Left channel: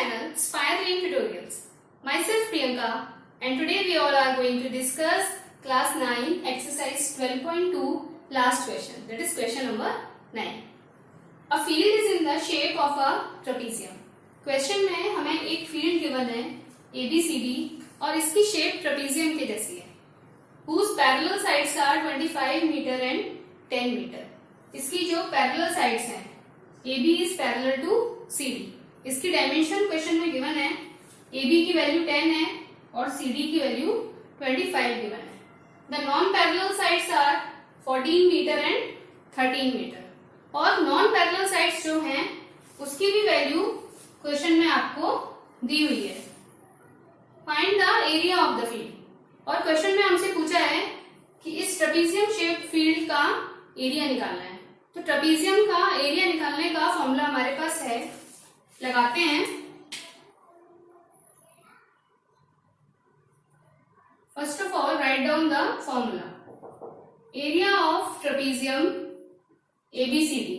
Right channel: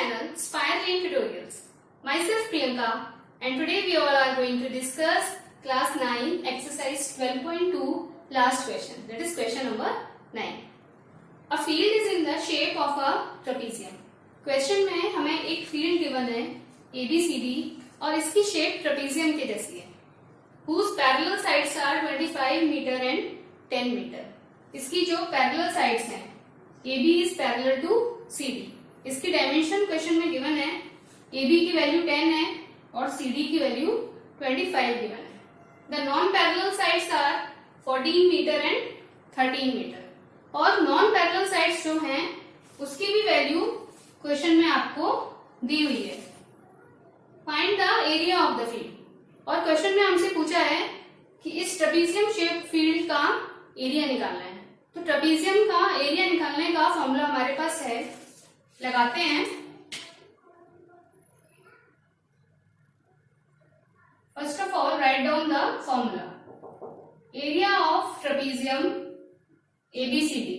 channel Spire Lane Tutorials. Myself Priyanka and today we all are going to discuss class 9 exercise 12.2 last question, that is question number 9. A field is in the shape of a trapezium. Question में हमें एक field given है ABCD और इसकी shape trapezium के जैसी है, whose parallel sides are 25 meter and 10 meter. इसकी जो parallel sides हैं AB is parallel to CD. इसकी डायमेंशन क्वेश्चन में गिवन है, AB की वैल्यू 10 है और CD की वैल्यू 25 गिवन है. The non parallel sides are 14 metre and 13 metre. और नॉन पैरेलल साइड्स जो हैं उसकी भी वैल्यू क्वेश्चन में आपको दी हुई है. Find the area of the field. और क्वेश्चन में हमसे पूछा है कि इस ट्रेपेजियम शेप फील्ड का एरिया निकालना है. तो ट्रेपेजियम का एरिया निकालने का फॉर्मूला हमारे पास है, लगाते हैं. First of all write down the formula. Area of trapezium ABCD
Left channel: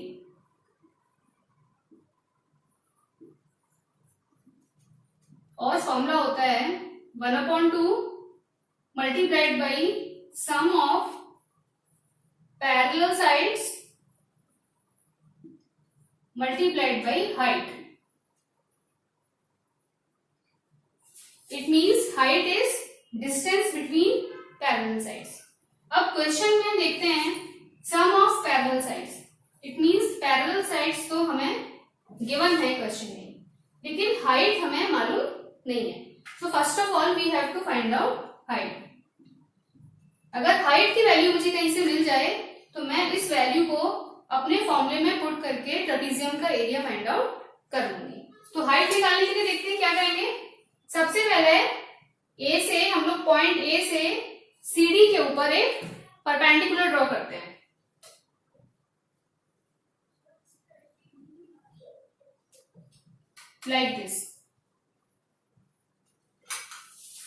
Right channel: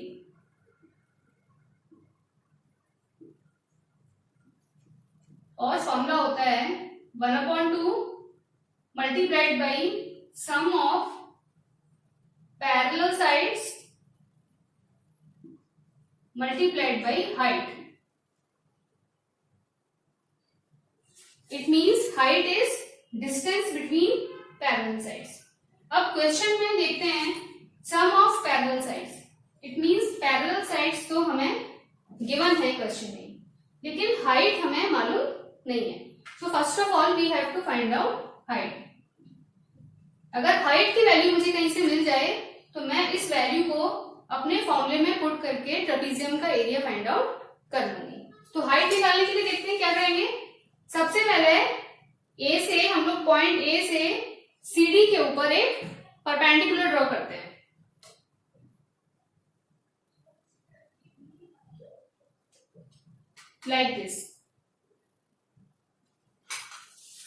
और फॉर्मूला होता है 1/2 multiplied by sum of parallel sides multiplied by height. It means height is distance between parallel sides. अब क्वेश्चन में देखते हैं sum of parallel sides. It means parallel sides तो हमें given है क्वेश्चन में, लेकिन height हमें मालूम नहीं है. So first of all we have to find out height. अगर height की वैल्यू मुझे कहीं से मिल जाए तो मैं इस वैल्यू को अपने फॉर्मूले में पुट करके ट्रेपेजियम का एरिया फाइंड आउट कर लूंगी. तो हाइट निकालने के लिए देखते हैं क्या करेंगे. सबसे पहले ए से हम लोग पॉइंट ए से सीडी के ऊपर एक परपेंडिकुलर ड्रॉ करते हैं. Like this.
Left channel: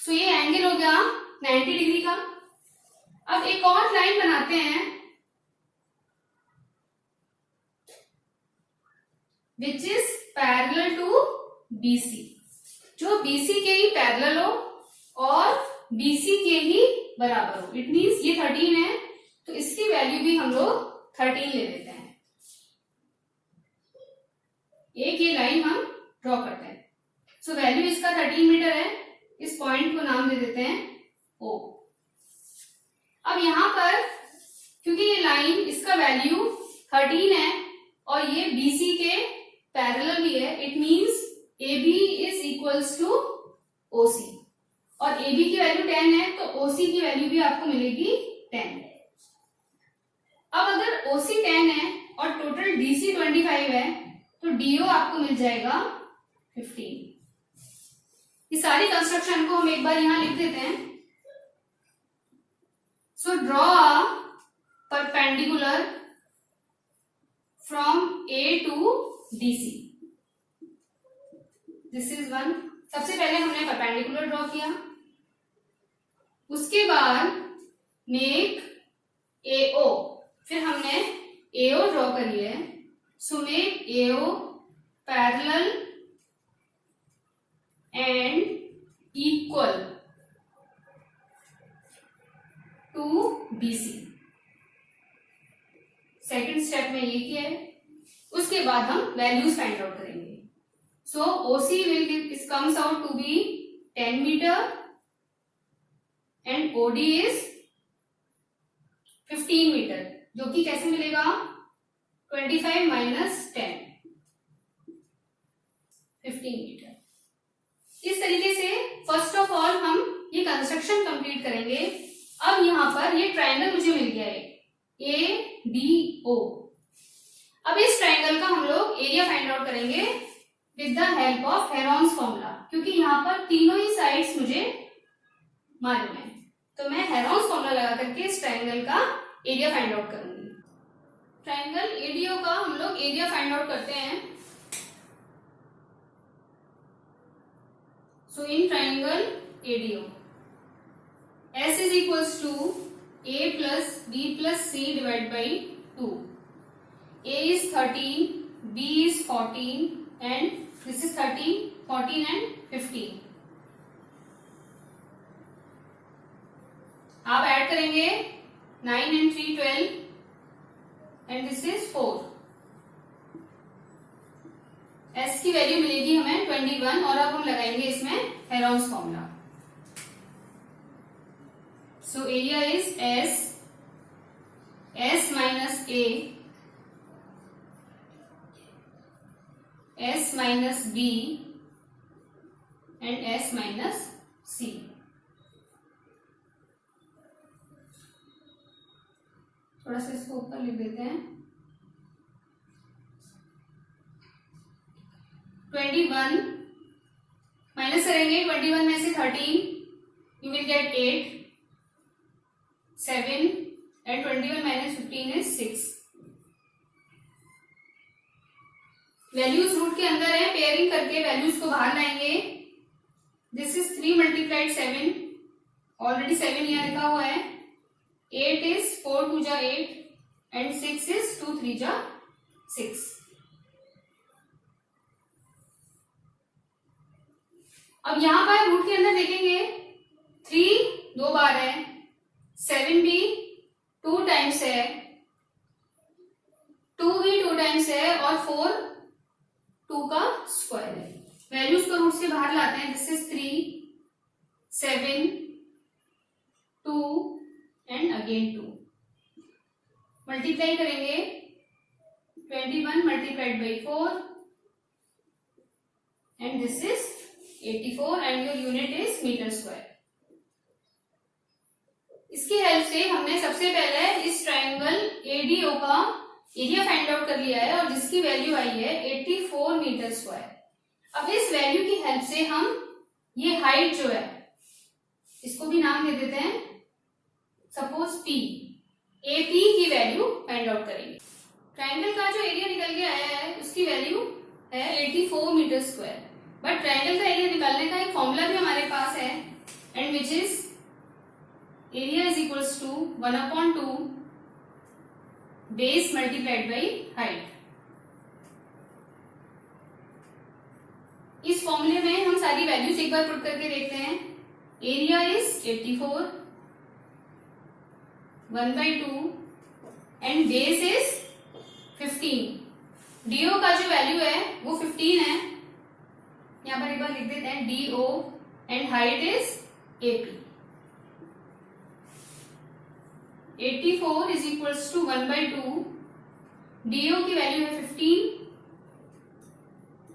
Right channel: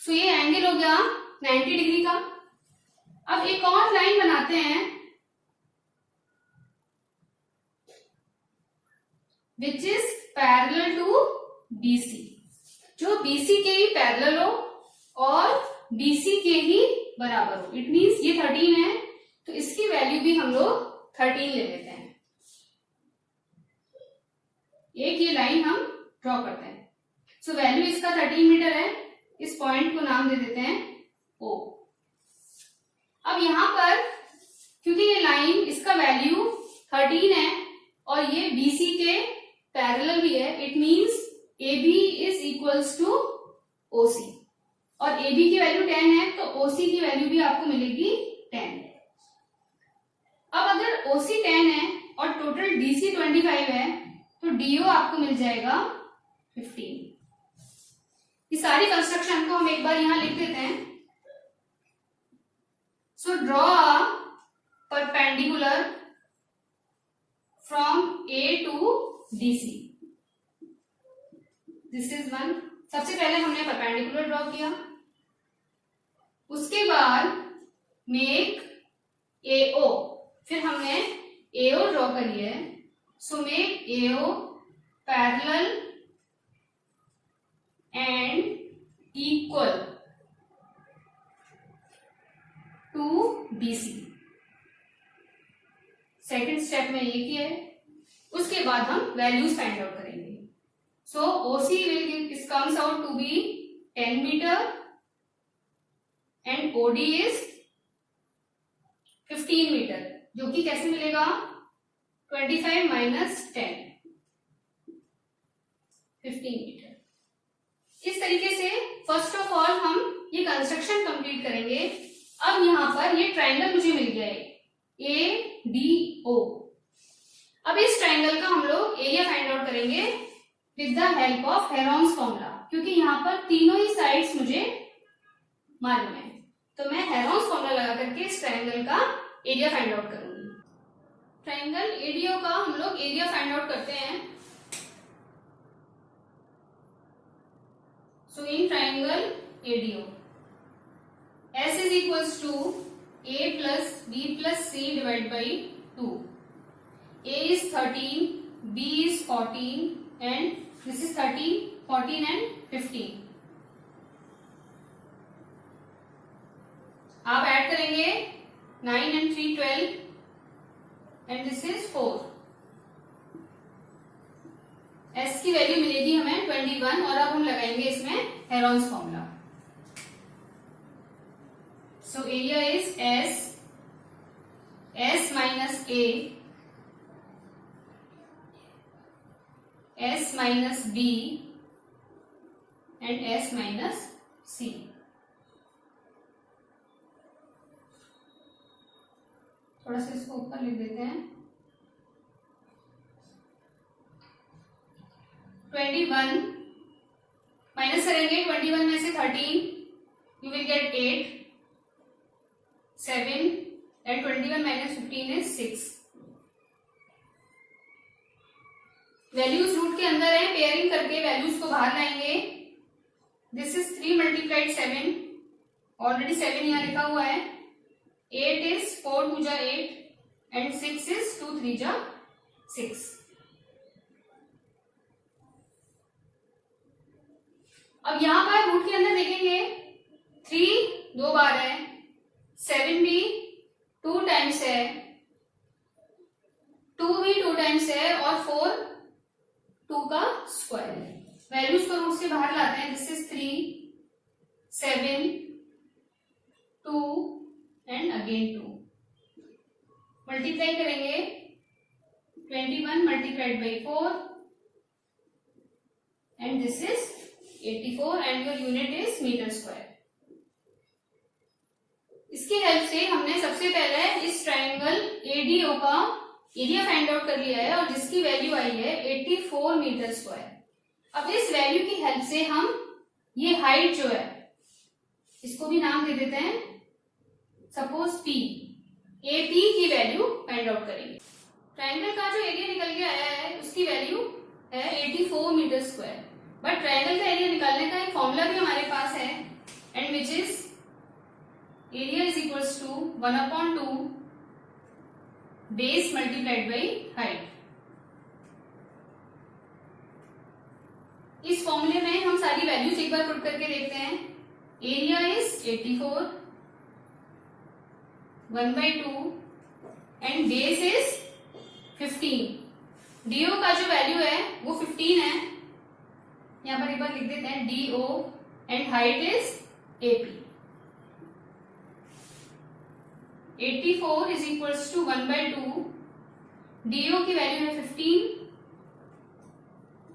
तो ये एंगल हो गया 90 डिग्री का. अब एक और लाइन बनाते हैं which is parallel to BC, जो BC के ही पैरेलल हो और BC के ही बराबर हो. इट मीन्स ये 13 है तो इसकी वैल्यू भी हम लोग 13 ले लेते हैं. एक ये लाइन हम ड्रॉ करते हैं. सो वैल्यू इसका 13 मीटर है. इस पॉइंट को नाम दे देते हैं O. अब यहां पर क्योंकि ये लाइन इसका वैल्यू 13 है और ये BC के पैरेलल भी है, it means AB is equals to OC और AB की वैल्यू 10 है तो OC की वैल्यू भी आपको मिलेगी 10. अब अगर OC 10 है और टोटल DC 25 है तो DO आपको मिल जाएगा 15. इस सारी कंस्ट्रक्शन को हम एक बार यहां लिख देते हैं. So draw a perpendicular from A to DC. This is one. सबसे पहले हमने परपेंडिकुलर ड्रॉ किया. उसके बाद मेक AO. फिर हमने AO ड्रॉ करी है. So make AO parallel and equal to BC. Second step में ये किया है. उसके बाद हम वैल्यूज फाइंड आउट करेंगे. So OC will comes out to be 10 metre and OD is 15 metre, जो कि कैसे मिलेगा 25 माइनस 10 15 मीटर. इस तरीके से फर्स्ट ऑफ ऑल हम ये कंस्ट्रक्शन कंप्लीट करेंगे. अब यहां पर ये ट्राइंगल मुझे मिल गया है ADO. अब इस ट्राइंगल का हम लोग एरिया फाइंड आउट करेंगे with the help of Heron's formula, क्योंकि यहाँ पर तीनों ही साइड्स मुझे मालूम है. तो मैं हेरोन्स फॉर्मूला लगा करके इस ट्राइंगल का एरिया फाइंड आउट करूंगी. ट्राइंगल ADO का हम लोग एरिया फाइंड आउट करते हैं. So in triangle ADO S is equals to A plus B plus C divided by 2. A is 13, B is 14, and this is 13, 14 and 15. आप add करेंगे 9 and 3 12 and this is 4. S की value मिलेगी हमें 21 और अब हम लगाएंगे इसमें Heron's formula. So area is S minus A, S minus B and S minus C. थोड़ा सा इसको ऊपर लिख देते हैं. 21 माइनस करेंगे 21 में से 13, you will get 8, 7 and 21 minus 15 is 6. Values root के अंदर है, पेयरिंग करके वैल्यूज को बाहर लाएंगे. दिस इज 3 मल्टीप्लाइड 7, ऑलरेडी 7 यहाँ लिखा हुआ है. 8 is 4 2 जा 8 and 6 is 2 3 जा 6. अब यहां पर रूट के अंदर देखेंगे 3 दो बार है, 7 भी 2 टाइम्स है, 2 भी 2 टाइम्स है और 4 2 का स्क्वायर है. वैल्यूज को रूट से बाहर लाते हैं. This is 3 7 2 and again 2. Multiply करेंगे 21 multiplied by 4 and this is 84 and your unit is metre square. इसकी हेल्प से हमने सबसे पहले इस ट्रायंगल एडीओ का एरिया फाइंड आउट कर लिया है और जिसकी वैल्यू आई है 84 मीटर स्क्वायर. अब इस वैल्यू की हेल्प से हम ये हाइट जो है इसको भी नाम दे देते हैं, सपोज पी. एपी की वैल्यू फाइंड आउट करेंगे. ट्रायंगल का जो एरिया निकल के आया है उसकी वैल्यू है 84 मीटर स्क्वायर. बट ट्रायंगल का एरिया निकालने का एक फॉर्मूला भी हमारे पास है and which is area is equals to 1/2 base multiplied by height. इस फॉर्मूले में हम सारी वैल्यूज एक बार पुट करके देखते हैं. Area is 84 1/2 and base is 15. DO का जो वैल्यू है वो 15 है. यहां पर एक बार लिख देते हैं DO and height is AP. 84 is equals to 1/2. DO की वैल्यू है 15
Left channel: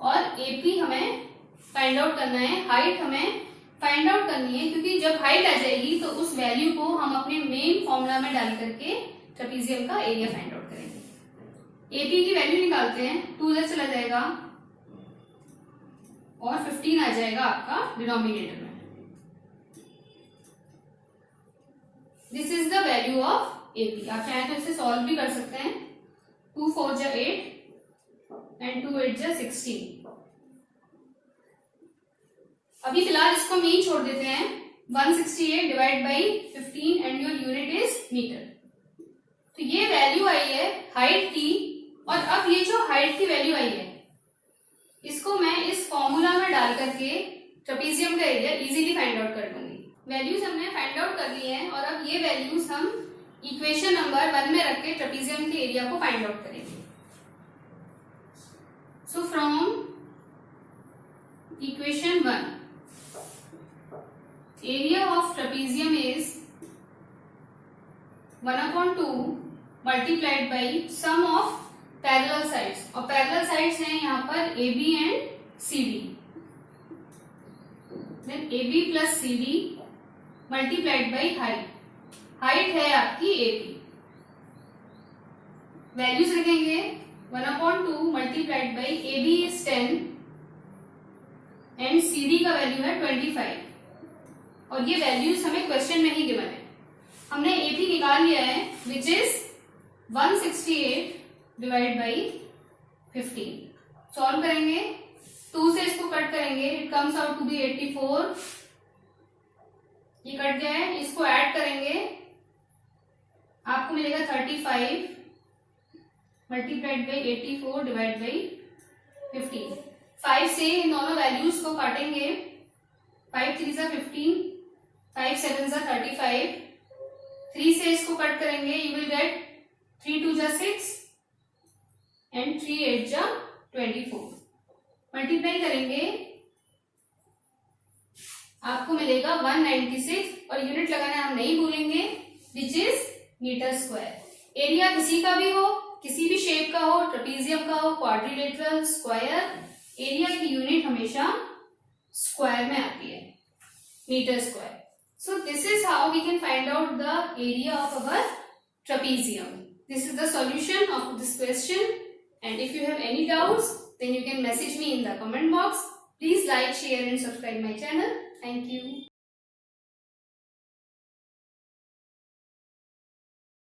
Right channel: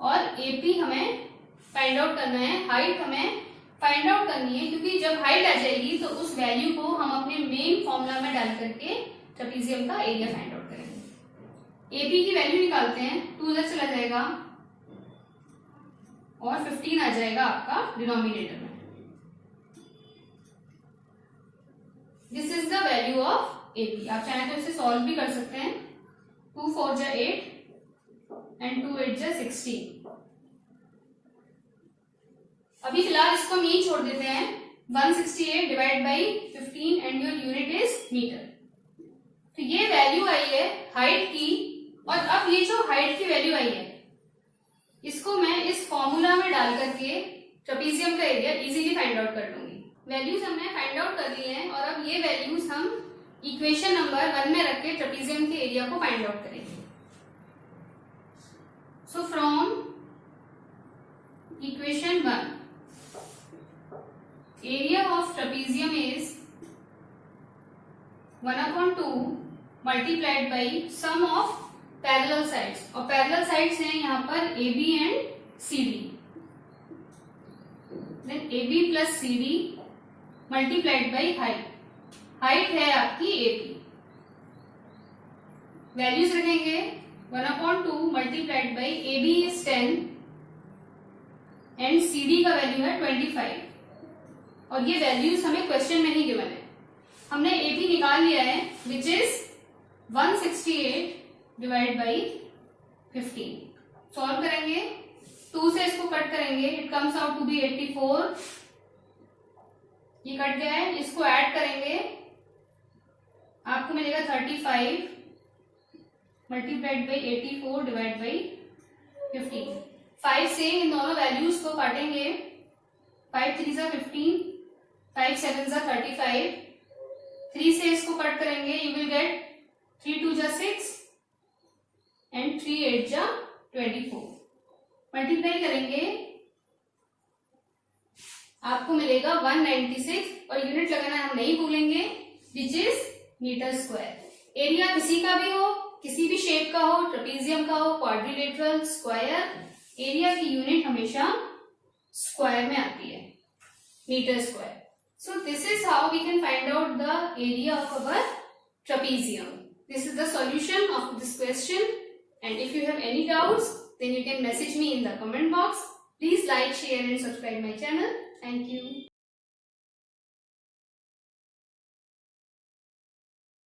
और एपी हमें फाइंड आउट करना है. हाइट हमें फाइंड आउट करनी है क्योंकि जब हाइट आ जाएगी तो उस वैल्यू को हम अपने मेन फॉर्मूला में डाल करके ट्रेपेजियम का एरिया फाइंड आउट करेंगे. एपी की वैल्यू निकालते हैं. 2 इधर चला जाएगा और 15 आ जाएगा आपका डिनोमिनेटर में. This is the value of AP. आप चाहें तो इसे सॉल्व भी कर सकते हैं. 2 4 जा 8 एंड 2 8 जा 16. अभी फिलहाल इसको मीन छोड़ देते हैं. 168 divide by 15 and your unit is metre. तो ये वैल्यू आई है हाइट की और अब ये जो हाइट की वैल्यू आई है इसको मैं इस फॉर्मूला में डाल करके ट्रेपेजियम का एरिया इजीली फाइंड आउट कर लूंगी. वैल्यूज हमने फाइंड आउट कर ली हैं और अब ये वैल्यूज हम इक्वेशन नंबर 1 में रख के ट्रेपेजियम के एरिया को फाइंड आउट करेंगे. So from equation 1 area of trapezium is 1/2 multiplied by sum of parallel sides. और पैरेलल साइड्स हैं यहाँ पर AB and CD. Then AB plus CD multiplied by height. Height है आपकी AP. वैल्यूज रखेंगे 1/2 multiplied by AB is 10 and CD का value है 25. और ये वैल्यूज हमें क्वेश्चन में ही गिवन है. हमने AP निकाल लिया है which is 168 divide by 15. Solve करेंगे. 2 से इसको कट करेंगे. It comes out to be 84. ये कट गया है. इसको ऐड करेंगे आपको मिलेगा 35 मल्टीप्लाइड बाई 84 डिवाइड बाई 15. 5 से इन दोनों वैल्यूज को काटेंगे, 5 3 जा 15, 5 7 जा 35, 3 से इसको कट करेंगे, यू विल गेट 3 2 जा 6 एंड 3 8 जा 24। मल्टीप्लाई करेंगे आपको मिलेगा 196 और यूनिट लगाना हम नहीं भूलेंगे, which is metre square. Area किसी का भी हो, किसी भी शेप का हो, ट्रेपीजियम का हो, क्वाड्रिलेटरल, स्क्वायर, एरिया की यूनिट हमेशा स्क्वायर में आती है, metre square. So this is how we can find out the area of our trapezium. This is the solution of this question, and if you have any doubts then you can message me in the comment box. Please like, share and subscribe my channel. Thank you.